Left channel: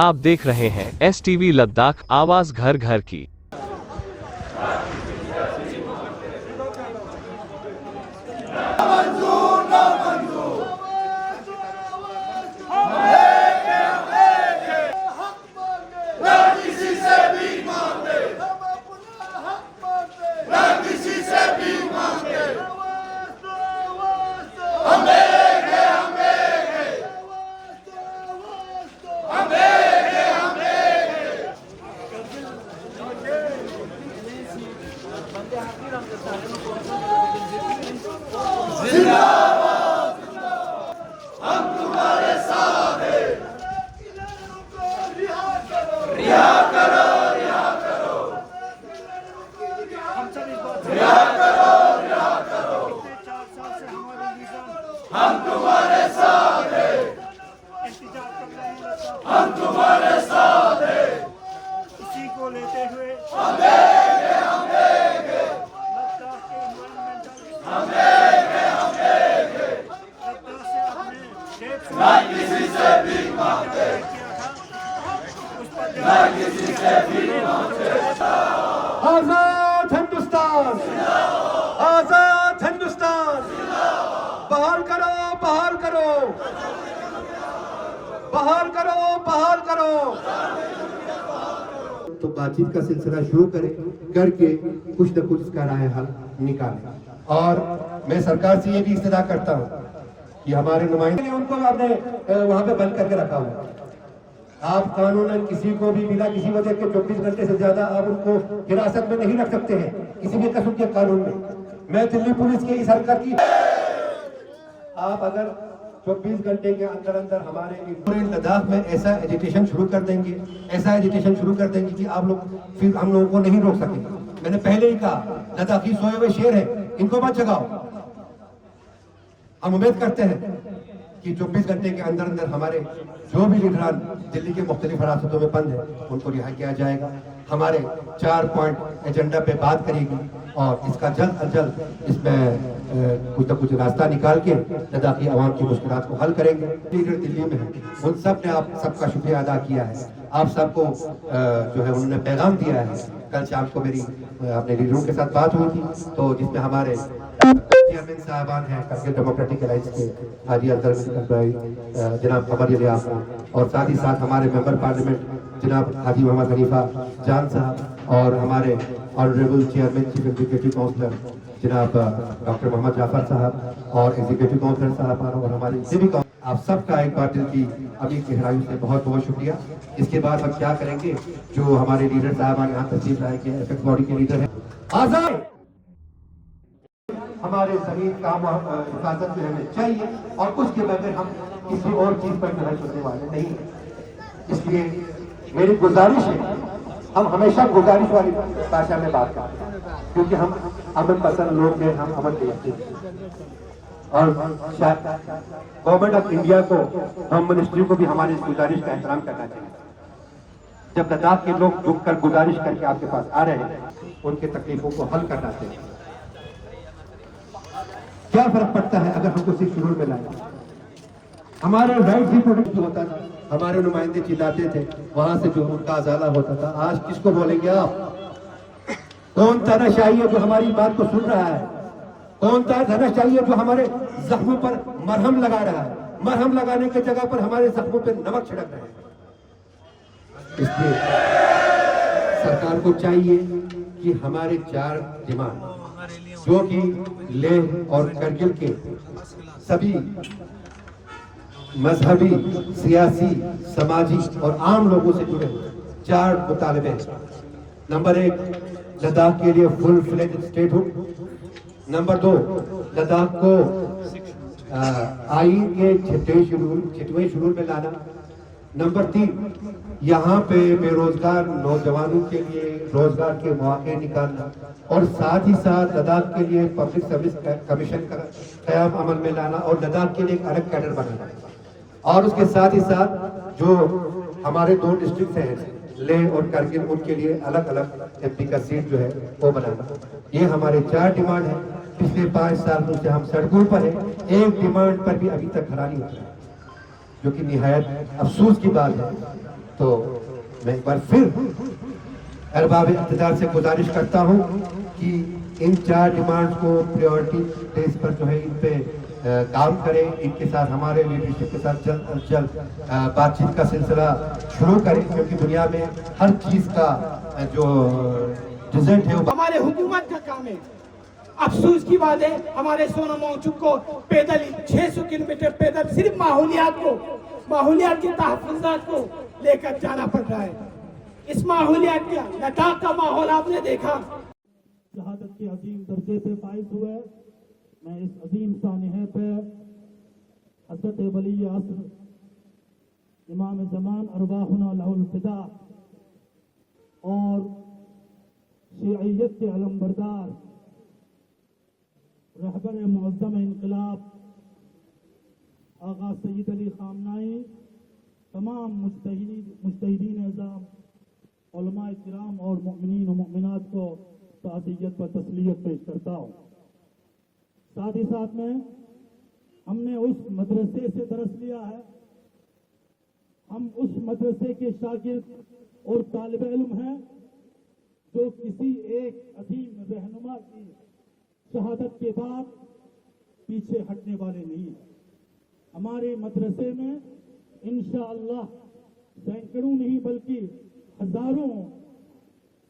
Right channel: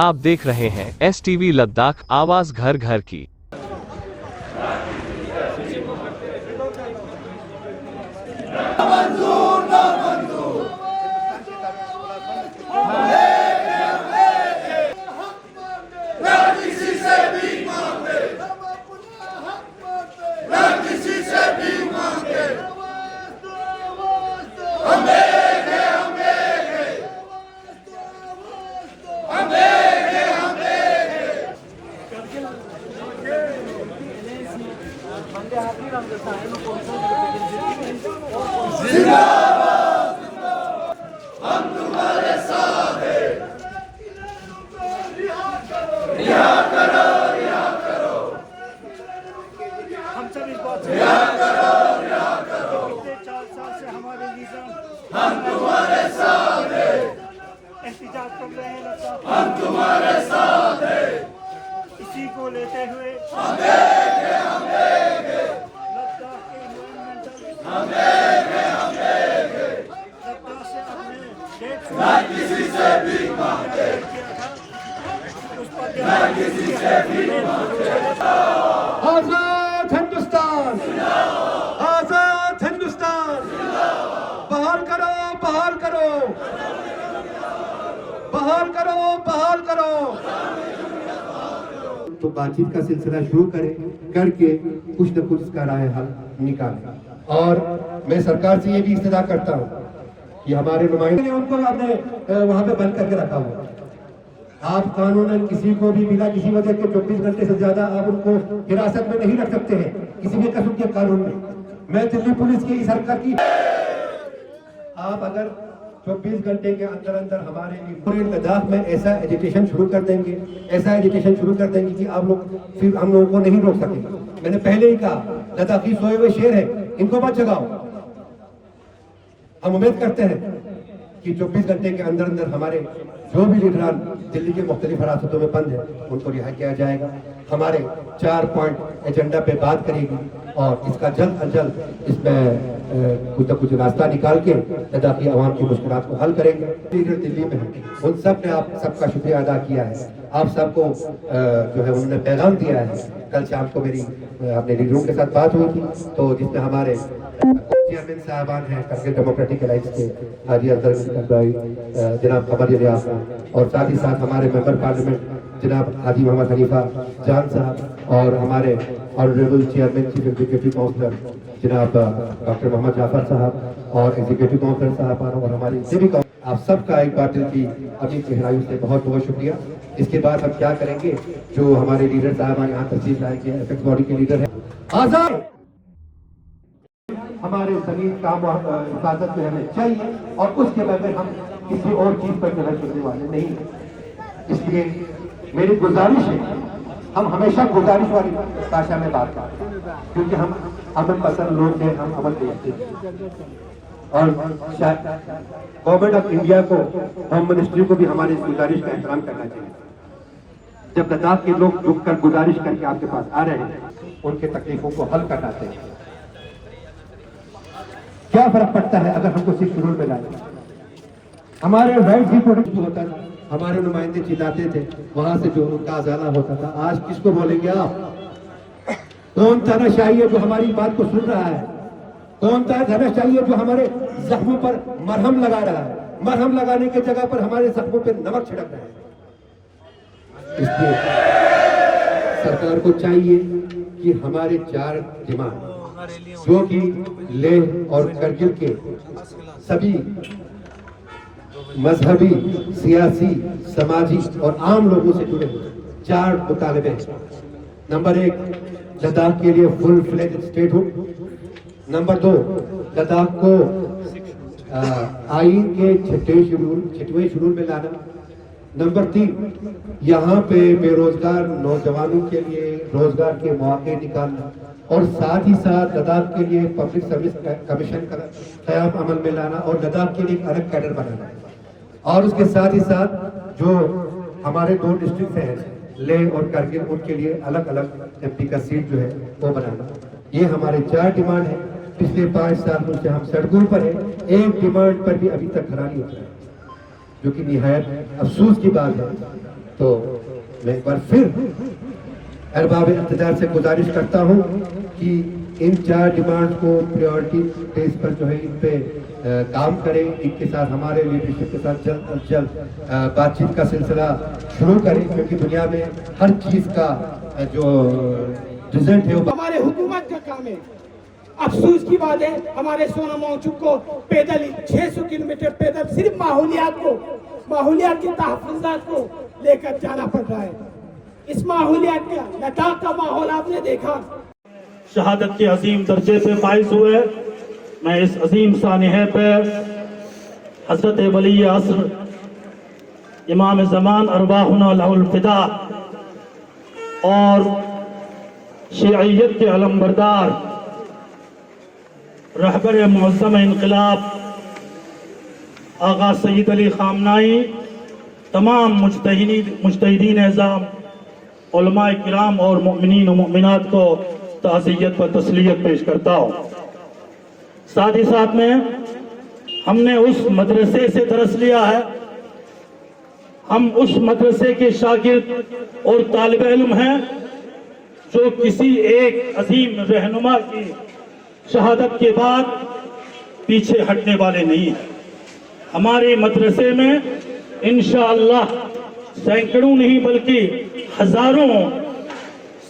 आप देख रहे हैं STV लद्दाख, आवाज घर घर की। हम तुम्हारे साथ हैं, हम तुम्हारे साथ हैं, इसी को लेते हुए हम देंगे लद्दाख के एनवायरमेंटल हम देंगे लद्दाख से अपने किसी से भी मांगते किया था उस पर किसी से भी मांगते। आजाद हिंदुस्तान, आजाद हिंदुस्तान, बहाल करो, बहाल करो, बहाल करो, बहाल करो। तो बातचीत का सिलसिला शुरू करके कुछ न कुछ इसका राय हल निकालें। और मैं सरकार से ये भी इस्तदा करता हूँ कि हमारे नुमाइंदे उनको आपने वहाँ पे बंद करके रखा हुआ। आप कानूनन किसी को भी बिना किसी वजह के 24 घंटे से ज्यादा आप उनको हिरासत में नहीं रख सकते हैं किसी भी किस्म के कानून में। मैं दिल्ली पुलिस की इस हरकत की आप अगर 24 घंटे के अंदर अंदर हमारे पूरे लद्दाख में ऐसा एजुकेशन शुरू कर देंगे, ऐसा एजुकेशन शुरू कर देंगे कि आप लोग फिर हम लोगों को नहीं रोक सकेंगे। मैंने पहले ही कहा लद्दाखी सोए हुए शेर है, इनको मत जगाओ। हम उम्मीद करते हैं कि 24 घंटे के अंदर अंदर हमारे जो भी लीडरान दिल्ली के मुख्तलिफ हिरासतों में बंद है उनको रिहा किया जाएगा। हमारे 4 पॉइंट एजेंडा पे बात करेगी और इसका जल्द अज जल्द इसमें कुछ न कुछ रास्ता निकाल के लद्दाखी आवाम की मुश्किलात को हल करेंगे। लीडर दिल्ली में है, उन सब ने आप सबका शुक्रिया अदा किया है। आप सबको जो है उन्होंने पैगाम दिया है। कल शाम को मेरी अपने लीडरों के साथ बात हुई थी तो जिसमें हमारे चेयरमैन साहबान हैं करके डेमोक्रेटिक अलायंस के हाजी अफजल जनाब खबर रियाज और साथ ही साथ हमारे मेंबर पार्लियामेंट जनाब हाजी मोहम्मद खलीफा जान साहब और हमारे honourable chairman chief executive councillor जनाब डॉक्टर मोहम्मद जाफर साहब और एग्जीक्यूटिव काउंसिलर साहब और हमारे सभी आप सबका एक बार दिल की अभी गहराइयों से बहुत बहुत शुक्रिया। इसके बाद हम क्या करेंगे, जो हमारे लीडर साहब यहाँ तशरीफ लाए के एपेक्स बॉडी के लीडर है आजाद, हमारे शरीर का हिफाजत जो हमें चाहिए और उसके बगैर हम किसी और चीज पर नजर चलने वाले नहीं। इसलिए मेरी गुजारिश है, हम हमेशा गुजारिश वाली भाषा में बात करते हैं क्योंकि हम अमन पसंद लोग हैं, हम अमन के यकीन और गवर्नमेंट ऑफ इंडिया को, होम मिनिस्ट्री को भी हमारे इस गुजारिश का एहतराम करना चाहिए। जब लद्दाख के लोग झुक कर गुजारिश करके आपके पास आ रहे हैं, उनके तकलीफों को हल करना चाहिए। क्या फर्क पड़ता है अगर हमको सिर्फ शुरू में लाए, हमारे राइट भी प्रोटेक्ट होता था, हमारे नुमाइंदे चिल्लाते थे, वहां से जो उनका अजाला होता था। आज किसको बोलेंगे आप? कौन तानाशाही है जो हमारी बात को सुन रहा है? कौन तानाशाही है जो हमारे जख्मों पर मरहम लगा रहा है? मरहम लगाने की जगह पर हमारे जख्मों पर नमक छिड़क रहा है। इसलिए सरकार को चाहिए कि हमारे 4 डिमांड जो कि लेह और करगिल के सभी मजहबी, सियासी, समाजी और आम लोगों से जुड़े 4 मुतालबे हैं। नंबर 1, लद्दाख के लिए full fledge statehood. Number 2, Ladakh को आईन के 6वें शेड्यूल में लाना। नंबर 3, यहाँ पे बेरोजगार नौजवानों के लिए रोजगार के मौके निकालना और साथ ही साथ लद्दाख के लिए पब्लिक सर्विस कमीशन का क़याम अमल में लाना और लद्दाख के लिए एक अलग कैडर बनाना और उसके साथ ही साथ जो हमारे 2 डिस्ट्रिक्ट हैं लेह और करगिल, उनके लिए अलग अलग एमपी का सीट जो है वो बनाना। ये हमारे 4 डिमांड है। पिछले 5 साल से हम सड़कों पर है, एक डिमांड पर भी अभी तक खरा नहीं उतरा, जो कि निहायत अफसोस की बात है तो मैं एक बार फिर अरबाब इक़्तिदार से गुजारिश करता हूँ कि इन 4 डिमांड्स को प्रायोरिटी बेस पर जो है इन पे काम करें, इनके साथ हमारे लीडरशिप के साथ जल्द अज जल्द बातचीत का सिलसिला शुरू करें, क्योंकि दुनिया में हर चीज़ का जो रिजल्ट है वो हमारे हुकूमत का काम है। अफसोस की बात है, हमारे सोना मौजूद को पैदल 600 किलोमीटर पैदल सिर्फ माहौलियात के तहफ़्फ़ुज़ात को लेकर जाना पड़ रहा है। इस माहौलियात का लद्दाख का माहौल आपने देखा। शहादत के अजीम दर्जे पे फाइज हुए। मैं इस अजीम सानिहे पे हज़रत वली असर इमाम ज़मान अरवाहुना लहुल फ़िदा और शिय्यत के अलमबरदार रहबर मुअज़्ज़म इनक़िलाब आगा सईद अली ख़ामनाई, तमाम मुज्तहिदीन एज़ाम, उलमाए किराम और मुमिनीन व मुमिनात को ताज़ियत व तस्लियत पेश करता हूँ। साथ ही साथ में हमने उस मदरसे से दरस लिया है, हम उस मदरसे के शागिर्द और तालिब इल्म हैं जो किसी एक अजीम रहनुमा की शहादत के बाद पीछे हटने वाले नहीं हैं। हमारे मदरसे में इंशाअल्लाह सैकड़ों नहीं बल्कि हजारों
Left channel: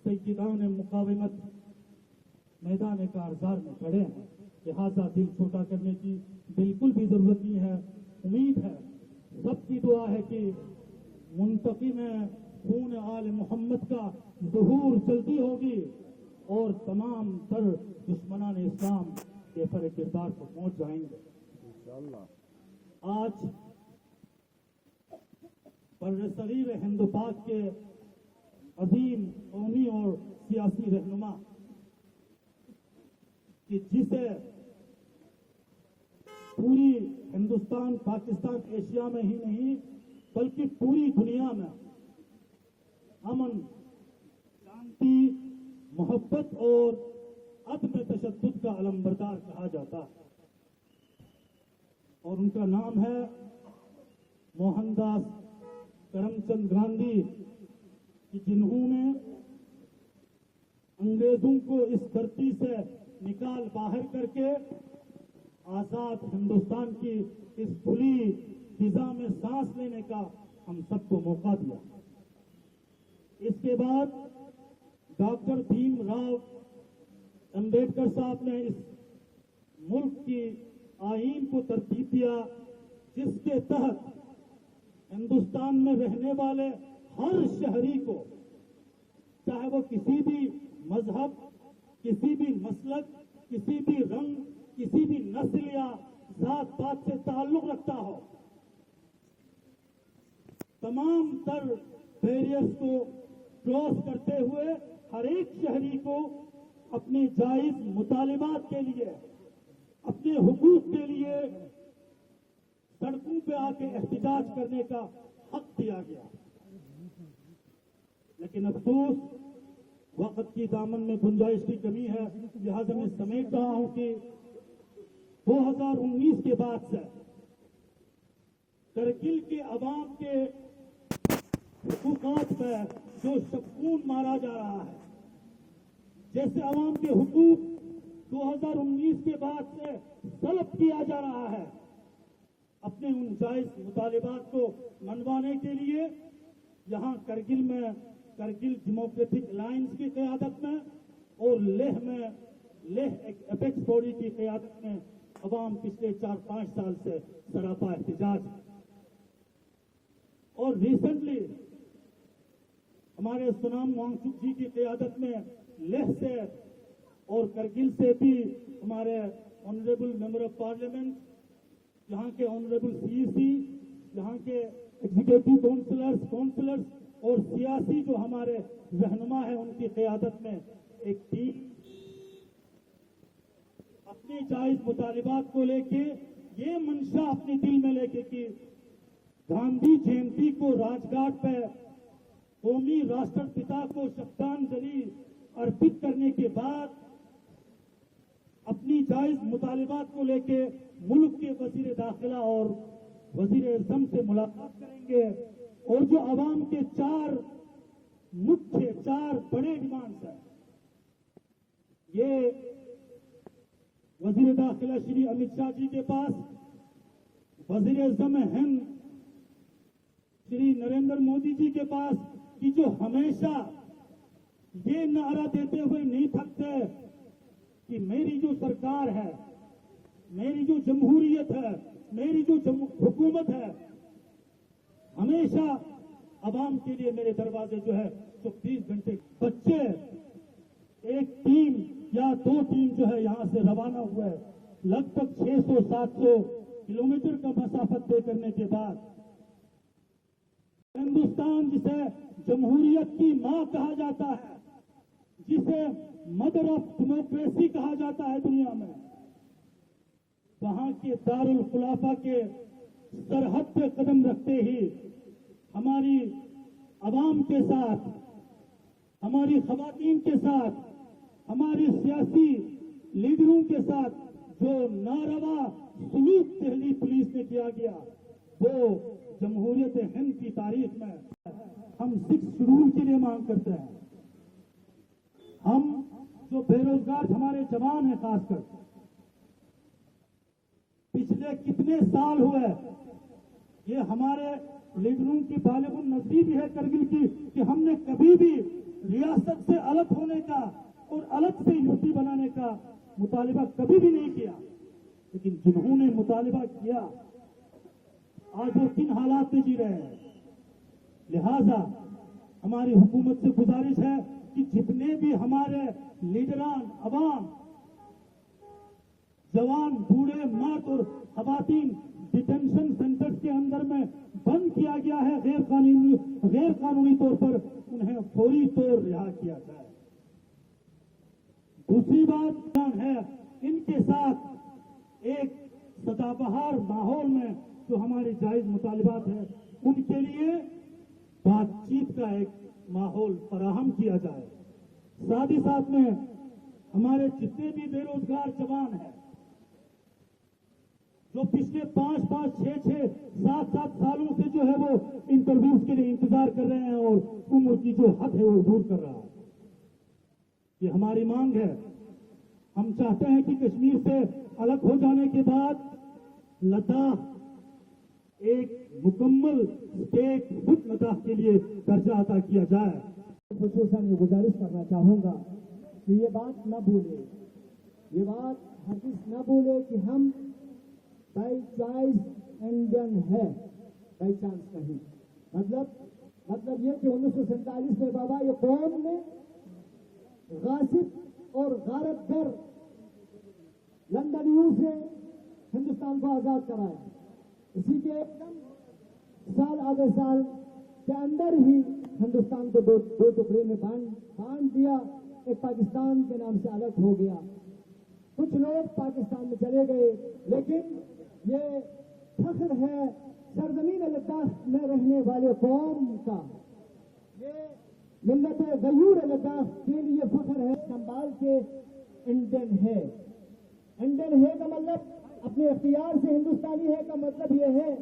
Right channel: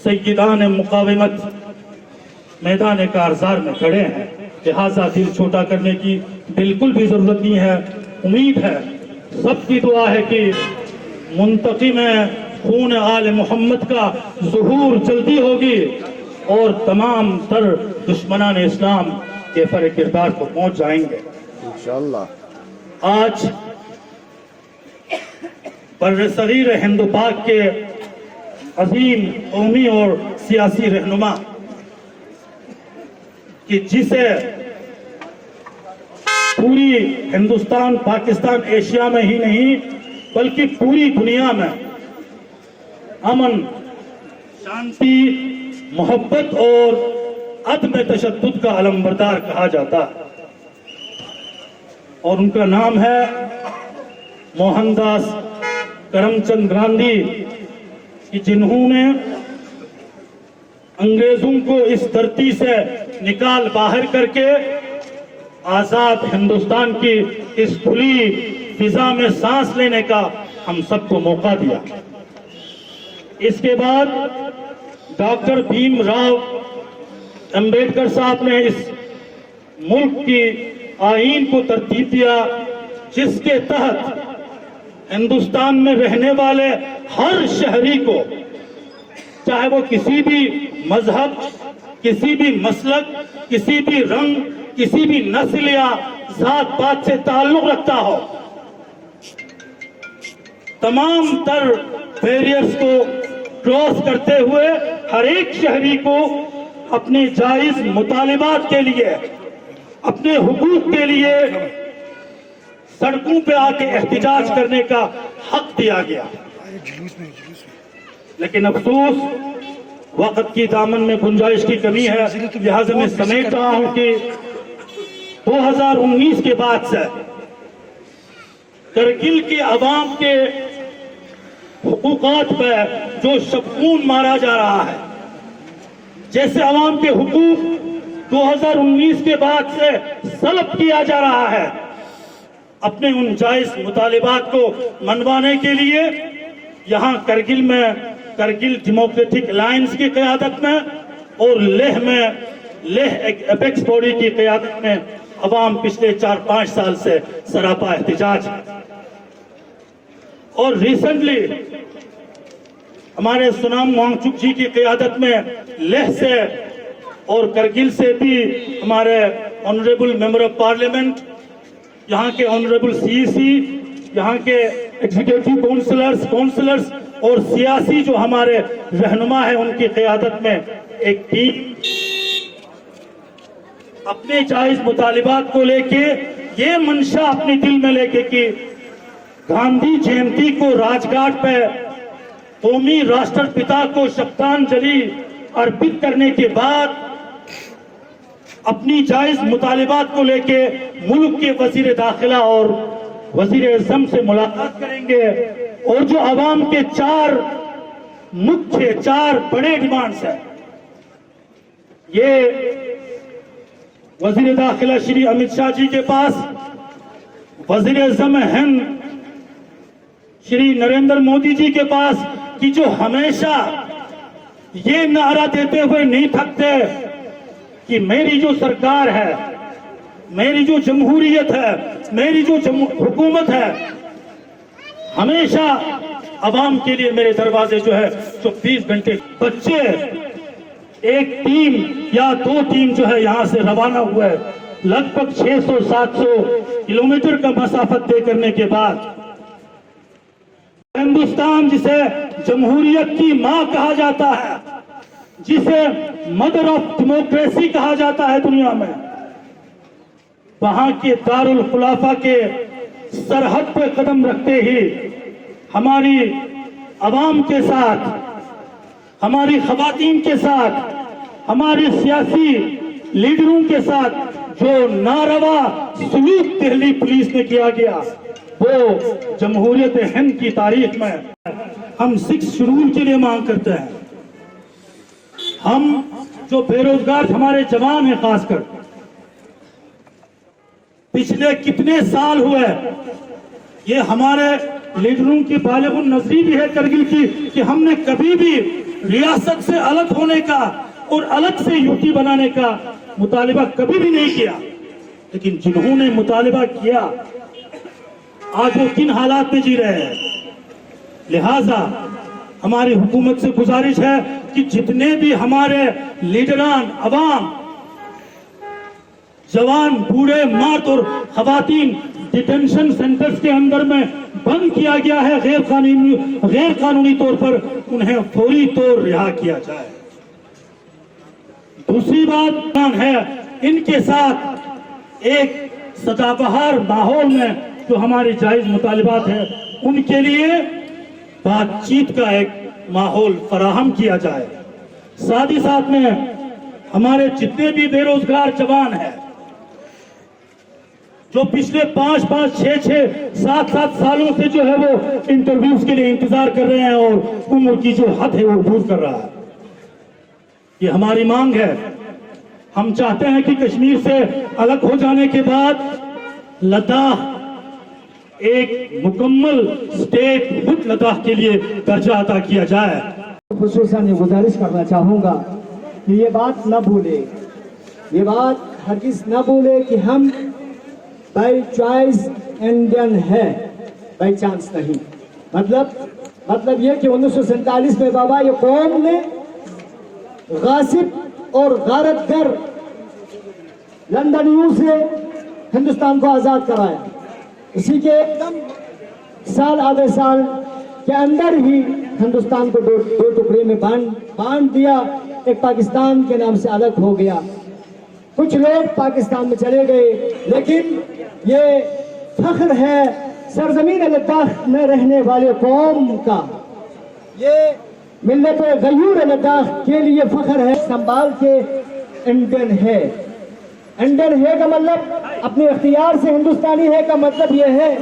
सय्यदान मुकाविमत मैदान कारज़ार में खड़े हैं। लिहाजा दिल छोटा करने की बिल्कुल भी जरूरत नहीं है। उम्मीद है, सबकी दुआ है कि मुंतकिम खून आले मोहम्मद का ज़ुहूर जल्दी होगी और तमाम तर दुश्मनान इस्लाम के फर किरदार को पहुंच जाएंगे इंशाअल्लाह। आज बर्रसगीर हिंद पाक के अजीम कौमी और सियासी रहनुमा कि जिसे पूरी हिंदुस्तान, पाकिस्तान, एशिया में ही नहीं बल्कि पूरी दुनिया में अमन, शांति, मोहब्बत और अदम तशद्दुद का अलमबरदार कहा जाता है, और उनका नाम है मोहनदास करमचंद गांधी, कि जिन्होंने अंग्रेजों को इस धरती से निकाल बाहर करके आजाद हिंदुस्तान की इस खुली फिजा में सांस लेने का हम सबको मौका दिया। इसके बाद डॉक्टर भीमराव अंबेडकर साहब ने इस मुल्क की आईन को तरतीब दिया, जिसके तहत हिंदुस्तान में रहने वाले हर शहरी को, चाहे वो किसी भी मजहब, किसी भी मसलक, किसी भी रंग, किसी भी नस्ल या जात पात से ताल्लुक रखता हो, तमाम तर बैरियर्स को क्रॉस करते हुए हर एक शहरी को अपने जायज मुतालिबात के लिए, अपने हुकूक के लिए सड़कों पे आके एहतिजाज करने का हक दिया गया। लेकिन अफसोस वक्त की दामन में गुंजाइश की कमी है, लिहाजा मैं समेट रहा हूं कि 2019 के बाद से करगिल के अवाम के हुकूकात पे जो शबखून मारा जा रहा है, जैसे अवाम के हुकूक 2019 के बाद से सलब किया जा रहा है, अपने उन जायज मुतालिबात को मनवाने के लिए यहाँ करगिल में करगिल डेमोक्रेटिक अलायंस की क़यादत में और लेह में लेह एपेक्स बॉडी की क़यादत में अवाम पिछले 4-5 साल से सरापा एहतिजाज है। और रिसेंटली हमारे सोनाम वांगचुक जी की क़यादत में लेह से और करगिल से भी हमारे ऑनरेबल मेंबर ऑफ पार्लियामेंट, यहाँ के ऑनरेबल सीईसी, यहाँ के एग्जीक्यूटिव काउंसलर्स और सियासी जो हमारे रहनुमा है, उनकी क़यादत में एक टीम अपने जायज मुतालिबात को लेके ये मंशा अपने दिल में लेके कि गांधी जयंती को राजघाट पे कौमी राष्ट्रपिता को श्रद्धांजलि अर्पित करने के बाद अपनी जायज मुतालिबात को लेके मुल्क के वजीर दाखिला और वजीर आज़म से मुलाकात करेंगे। और जो आवाम के चार बड़े डिमांड्स हैं, ये वजीर दाखिला श्री अमित शाह जी के पास, वजीर आज़म हिंद श्री नरेंद्र मोदी जी के पास, कि जो हमेशा ये नारा देते हुए नहीं थकते कि मेरी जो सरकार है, मेरी जो जमहूरियत है, मेरी जो हुकूमत है, हमेशा अवाम के लिए मेरे दरवाजे जो है 24 घंटे। बच्चे एक टीम या 2 टीम जो है यहां से रवाना हुए, लगभग 600-700 किलोमीटर का मसाफत तय करने के बाद हिंदुस्तान, जिसे जमहूरियत की मां कहा जाता है, जिसे मदर ऑफ डेमोक्रेसी कहा जाता है दुनिया में, वहां के दारुल खुलाफा के सरहद पे कदम रखते ही हमारी अवाम के साथ, हमारी खवातीन के साथ, हमारे सियासी लीडरों के साथ जो नारवा सलूक दिल्ली पुलिस ने किया गया, वो जमहूरियत हिंद की तारीख में हम 6 शेड्यूल के लिए मांग करते हैं। हम जो बेरोजगार हमारे जवान हैं, खासकर पिछले कितने साल हुए, ये हमारे लीडरों की बालिगुन नजरी भी है करगिल की, कि हमने कभी भी रियासत से अलग होने का और अलग से यूटी बनाने का मुतालिबा कभी भी नहीं किया। लेकिन जिन्होंने मुतालिबा किया, आज वो किन हालात में जी रहे हैं। लिहाजा हमारी हुकूमत से गुजारिश है कि जितने भी हमारे लीडरान, अवाम, जवान, बूढ़े, मर्द और खवातीन डिटेंशन सेंटर्स के अंदर में बंद किया गया है गैर कानूनी तौर पर, उन्हें फौरी तौर रिहा किया जाए। दूसरी बात है, इनके साथ एक सदाबहार माहौल में जो हमारी जायज मुतालिबात है, उनके लिए बातचीत का एक माहौल फराहम किया जाए। साथ ही साथ में हमारे जितने भी बेरोजगार जवान हैं, जो पिछले 5-5, 6-6, 7-7 सालों से जो है वो इंटरव्यूज के लिए इंतजार कर रहे हैं और उम्र की जो हद है वो दूर कर रहा है, ये हमारी मांग है। हम चाहते हैं कि कश्मीर से अलग हो जाने के बाद लद्दाख एक मुकम्मल स्टेट हुड लद्दाख के लिए दर्जा अता किया जाए। खुसूसन ये गुजारिश करना चाहूँगा कि ये बात न भूले, ये बात हरगिज न भूले कि हम बाई चॉइस इंडियन है, बाई चांस नहीं। मतलब ये कि 1947 में बाबा ये कौम ने गासिब और गारतगर लंदनियों से हिंदुस्तान को आज़ाद कराया। इसी के एकदम साल, आधे साल के अंदर ही हिंदुस्तान को दो टुकड़े में बांट दिया। एक पाकिस्तान के नाम से अलग हो गया, कुछ लोग पाकिस्तान में चले गए, लेकिन ये फख्र है सरजमीन लद्दाख में रहने वाले कौम का, ये मिल्लत गयूर लद्दाख के लिए फख्र है। संभाल के इंडियन है, इंडियन है का मतलब अपने इख्तियार से हिंदुस्तानी है का मतलब ये है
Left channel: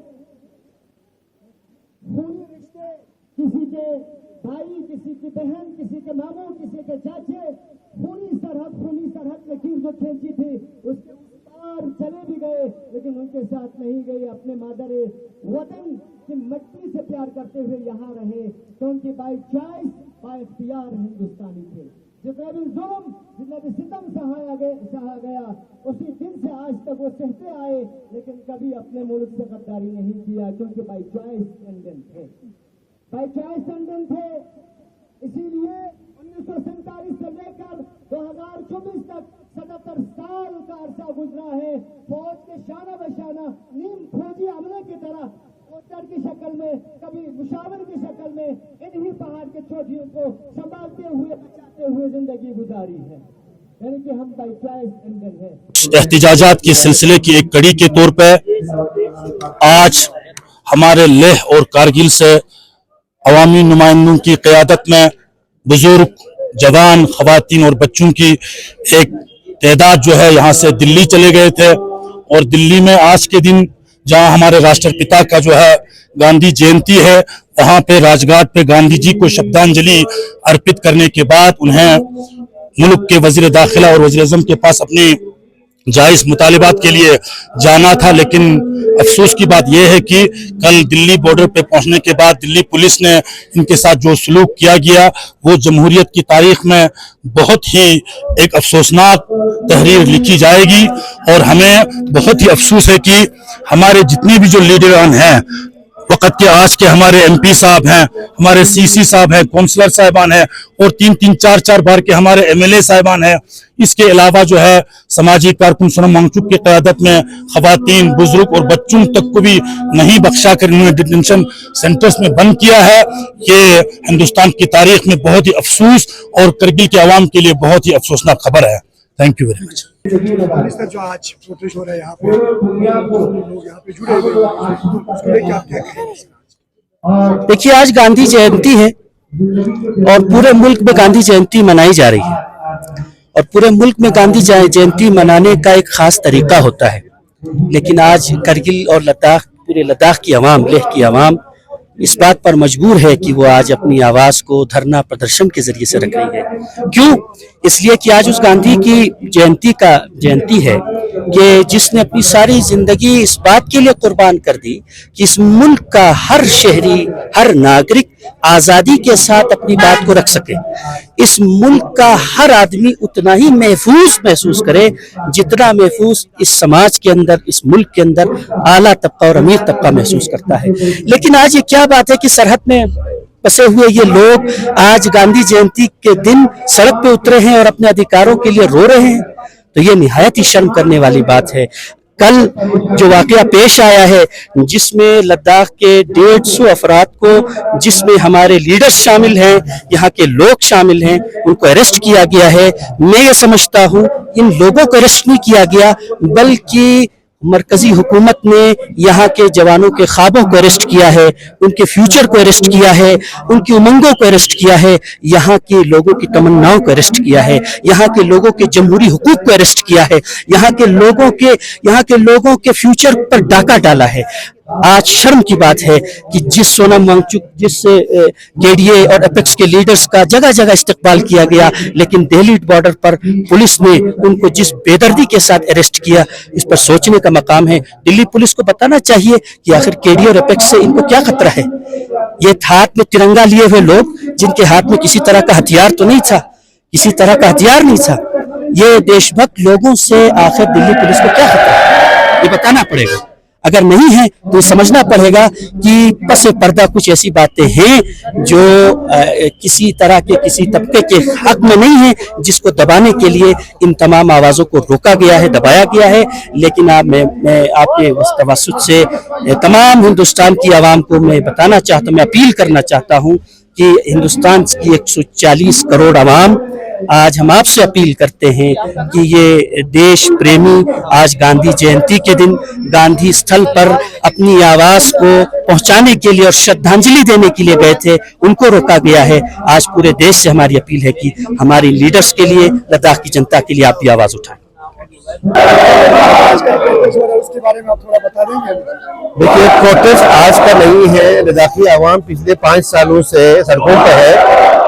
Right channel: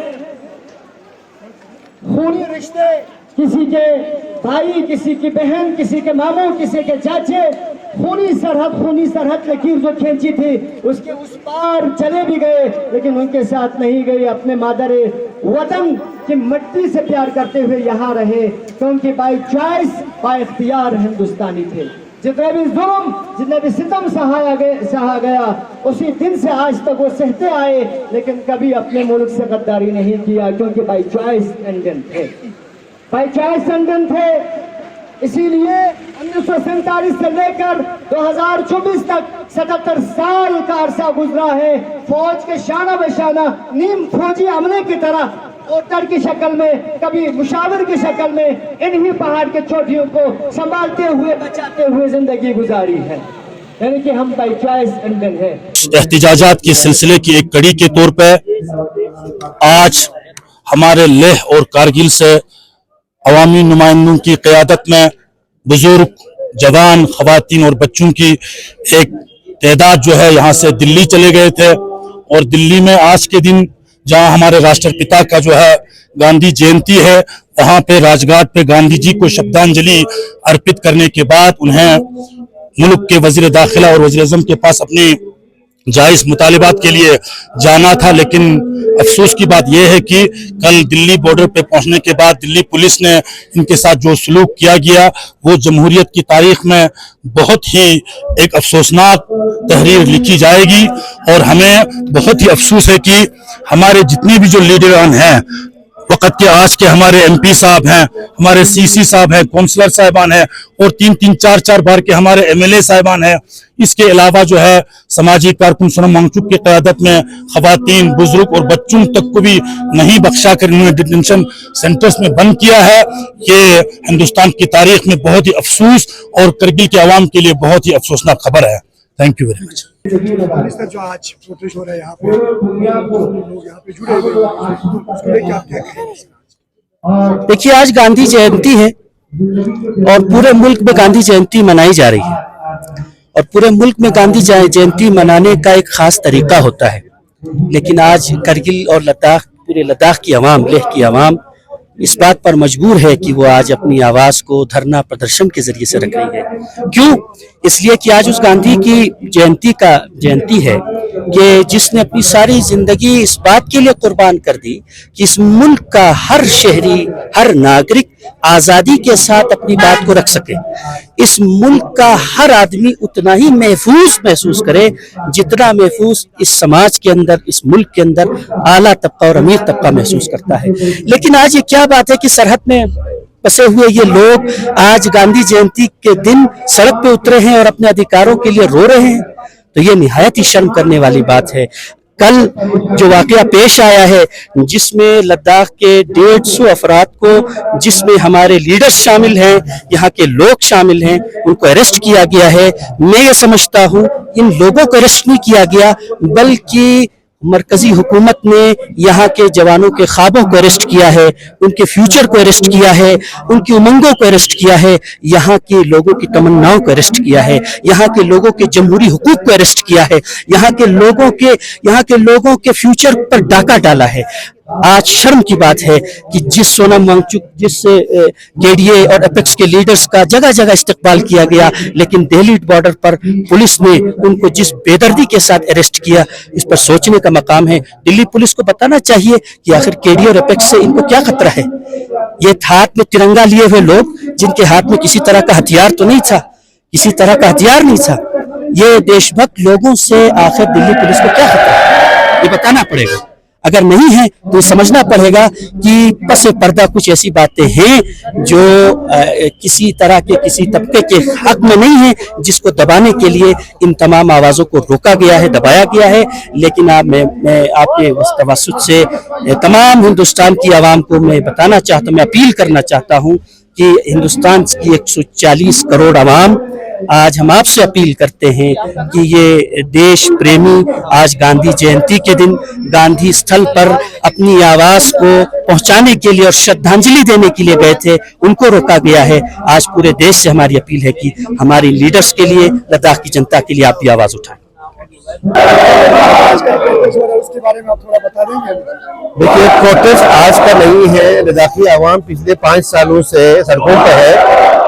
खूनी रिश्ते, किसी के भाई, किसी की बहन, किसी के मामू, किसी के चाचे, खूनी सरहद लकीर जो खींची थी उसके उस पार चले भी गए, लेकिन उनके साथ नहीं गए। अपने मादरे वतन की मिट्टी से प्यार करते हुए यहाँ रहे, क्योंकि बाई चॉइस, बाई इख्तियार हिंदुस्तानी थे। जितने भी जुल्म, जितने भी सितम सहा गया, उसी दिन से आज तक वो सहते आए, लेकिन कभी अपने मुल्क से गद्दारी नहीं किया, क्योंकि बाई चॉइस इंडियन थे, बाई चॉइस इंडियन थे। इसीलिए 1947 से लेकर 2024 तक 77 साल का अरसा गुजरा है। फौज के शाना बशाना नीम फौजी अमले की तरह ओटर की शक्ल में, कभी मुशावर की शक्ल में इन्हीं पहाड़ के चोटियों को संभालते हुए, बचाते हुए जिंदगी गुजारी है। यानी कि हम बाई चॉइस इंडियन है। एहतिजाजात के सिलसिले की एक कड़ी के तौर पे आज हमारे लेह और कारगिल से अवामी नुमाइंदों की क़यादत में बुजुर्ग, जवान, खवातीन और बच्चों की एक तादाद जो है यहाँ से दिल्ली चले गए थे। और दिल्ली में आज के दिन जहां हमारे राष्ट्रपिता का जो है गांधी जयंती है, वहां पे राजघाट पे गांधी जी को श्रद्धांजलि अर्पित करने के बाद उन्हें मुल्क के वजीर दाखिला और वजीर आज़म के पास अपनी जायज मुतालिबात के लिए जाना था। लेकिन अफसोस की बात यह है कि कल दिल्ली बॉर्डर पे पहुंचने के बाद दिल्ली पुलिस ने इनके साथ जो सलूक किया गया वो जमहूरियत की तारीख में बहुत ही एक अफसोसनाक तहरीर लिखी जाएगी। और हमें बहुत ही अफसोस है कि हमारे जितने भी जो लीडरान हैं वक़्त के आज के, हमारे MP साहब हैं, हमारे CC साहब हैं, काउंसलर साहिबान हैं और 3-3, 4-4 बार के हमारे MLA साहिबान हैं। इसके अलावा जो है समाजी कारकुन सोनम वांगचुक की क़यादत में खवातीन, बुजुर्ग और बच्चों तक को भी नहीं बख्शा कर इन्होंने डिटेंशन सेंटर्स में बंद किया है। ये हिंदुस्तान की तारीख में बहुत ही अफसोस और करगिल के अवाम के लिए बहुत ही अफसोसनाक खबर है। Thank you very much. जो आज प्रोटेस्ट हो रहा है यहाँ पे, लोग यहाँ पे जुड़े हुए हैं, उसको लेके आप क्या कहेंगे? देखिए, आज गांधी जयंती है और पूरे मुल्क में गांधी जयंती मनाई जा रही है और पूरे मुल्क में गांधी जयंती मनाने का एक खास तरीका होता है। लेकिन आज करगिल और लद्दाख, पूरे लद्दाख की आवाम, लेह की आवाम इस बात पर मजबूर है कि वो आज अपनी आवाज को धरना प्रदर्शन के जरिए से रख रही है। क्यों? इसलिए कि आज उस गांधी की जयंती है कि जिसने अपनी सारी जिंदगी इस बात के लिए कुर्बान कर दी कि इस मुल्क का हर शहरी, हर नागरिक आजादी के साथ अपनी बात को रख सके। इस मुल्क का हर आदमी उतना ही महफूज महसूस करे जितना महफूज इस समाज के अंदर, इस मुल्क के अंदर आला तबका और अमीर तबका महसूस करता है। लेकिन आज ये क्या बात है कि सरहद में बसे हुए ये लोग आज गांधी जयंती के दिन सड़क पे उतरे हैं और अपने अधिकारों के लिए रो रहे हैं। तो ये निहायत ही शर्म करने वाली बात है। कल जो वाकया पेश आया है जिसमें लद्दाख के 150 अफराद को, जिसमें हमारे लीडर्स शामिल हैं, यहाँ के लोग शामिल हैं, उनको अरेस्ट किया गया है। मैं ये समझता हूँ इन लोगों को अरेस्ट नहीं किया गया बल्कि मरकजी हुकूमत ने यहाँ के जवानों के ख्वाबों को अरेस्ट किया है, उनके फ्यूचर को अरेस्ट किया है, उनकी उमंगों को अरेस्ट किया है, यहाँ के लोगों की तमन्नाओं को अरेस्ट किया है, यहाँ के लोगों के जमहूरी हुकूक को अरेस्ट किया है, यहाँ के लोगों के फ्यूचर पर डाका डाला है। आज शर्म की बात है कि जिस सोनम वांगचुक, जिस KDA और अपेक्स के लीडर्स का जगह जगह इस्तेमाल किया गया, लेकिन दिल्ली बॉर्डर पर पुलिस ने उनको जिस बेदर्दी के साथ अरेस्ट किया, इस पर सोचने का मकाम है। दिल्ली पुलिस को बताना चाहिए कि आखिर KDA और अपेक्स से इनको क्या खतरा है। ये हाथ में तिरंगा लिए हुए लोग जिनके हाथ में किसी तरह का हथियार तो नहीं था, किसी तरह का हथियार नहीं था, ये देशभक्त लोगों से आखिर दिल्ली पुलिस को क्या खतरा है, ये बताना पड़ेगा। अगर नहीं है तो समझना पड़ेगा कि पसे पर्दा कुछ ऐसी बातें हैं जो किसी तरह के, किसी तबके के हक में नहीं है, जिसको दबाने के लिए इन तमाम आवाज़ों को रोका गया है, दबाया गया है। लेकिन मैं आपके तवस्सुत से तमाम हिंदुस्तान की आवाम को मैं बताना चाहता हूँ, मैं अपील करना चाहता हूँ कि हिंदुस्तान की 140 करोड़ आवाम, आज हम आपसे अपील करते हैं कि ये देश प्रेमी आज गांधी जयंती के दिन गांधी स्थल पर अपनी आवाज को पहुंचाने के लिए और श्रद्धांजलि देने के लिए गए थे, उनको रोका गया है। आज पूरे देश से हमारी अपील है कि हमारी लीडर्स के लिए, लद्दाख की जनता के लिए आप भी आवाज उठाएं। आज का प्रोटेस्ट हो रहा है, उसके बारे में आप थोड़ा बता देंगे? देखिए, प्रोटेस्ट आज का नहीं है। लद्दाखी आवाम पिछले 5 सालों से सड़कों पर है,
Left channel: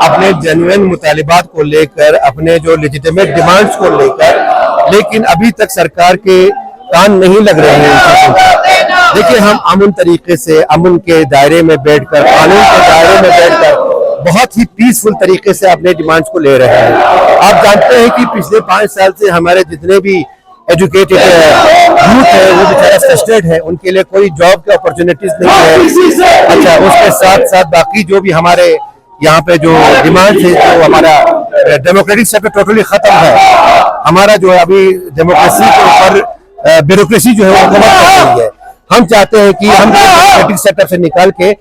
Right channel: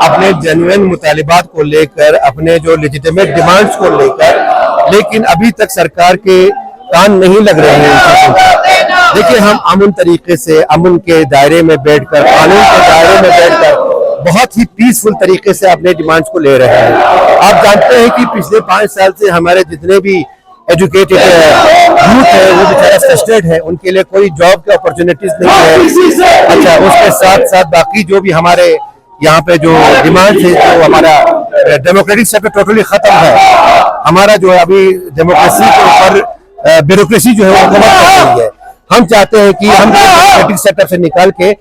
अपने जेन्युइन मुतालिबात को लेकर, अपने जो लेजिटिमेट डिमांड्स को लेकर, लेकिन अभी तक सरकार के कान नहीं लग रहे हैं। देखिए, हम अमन तरीके से, अमन के दायरे में बैठकर, कानून के दायरे में बैठकर बहुत ही पीसफुल तरीके से अपने डिमांड्स को ले रहे हैं। आप जानते हैं कि पिछले 5 साल से हमारे जितने भी एजुकेटेड यूथ है वो बेचारा फ्रस्ट्रेटेड है, उनके लिए कोई जॉब के अपॉर्चुनिटीज नहीं है। अच्छा, उसके साथ साथ बाकी जो भी हमारे यहाँ पे जो डिमांड है, जो हमारा डेमोक्रेटिक सेक्टर टोटली खत्म है। हमारा जो है अभी डेमोक्रेसी के ऊपर ब्यूरोक्रेसी जो है वो हुकूमत कर रही है। हम चाहते हैं कि हम डेमोक्रेटिक सेटअप से निकाल के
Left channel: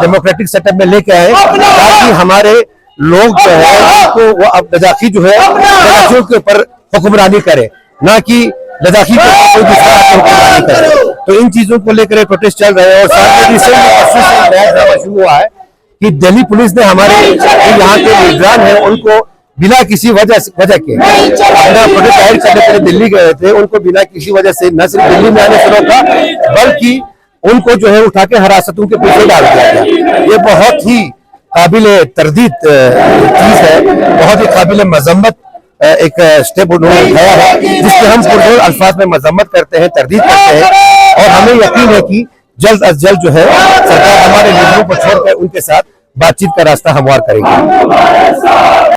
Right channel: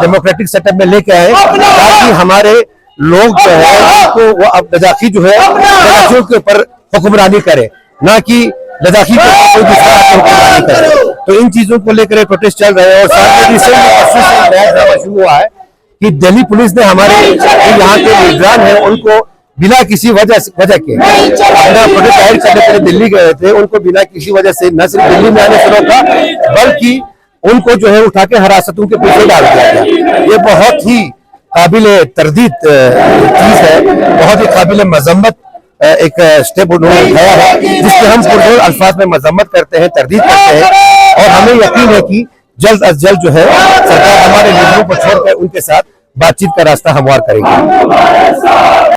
डेमोक्रेटिक सेटअप में लेके आए, ताकि हमारे लोग जो है उनको वो अब लद्दाखी जो है लद्दाखियों के ऊपर हुक्मरानी करे, ना कि लद्दाखी के ऊपर कोई दूसरा हुक्मरानी करे। तो इन चीजों को लेकर प्रोटेस्ट चल रहे हैं। और साथ में रिसेंट शुरू हुआ है कि दिल्ली पुलिस ने हमारे यहाँ के लीडरान है उनको बिना किसी वजह के अपना प्रोटेस्ट जाहिर करने के लिए दिल्ली गए थे, उनको बिना किसी वजह से न सिर्फ दिल्ली में आने से रोका बल्कि उनको जो है उठा के हिरासतों के पीछे डाल दिया गया। ये बहुत ही काबिल तरदीद चीज है, बहुत ही काबिल मजम्मत एक स्टेप उन्होंने उठाया है, जिसके हम पुरजोर अल्फाज में मजम्मत करते हैं, तरदीद करते हैं और हमें यकीन है कि जल्द अज जल्द जो है सरकार हमारे लीडरों को छोड़कर उनके साथ बातचीत का रास्ता हमवार करेगी।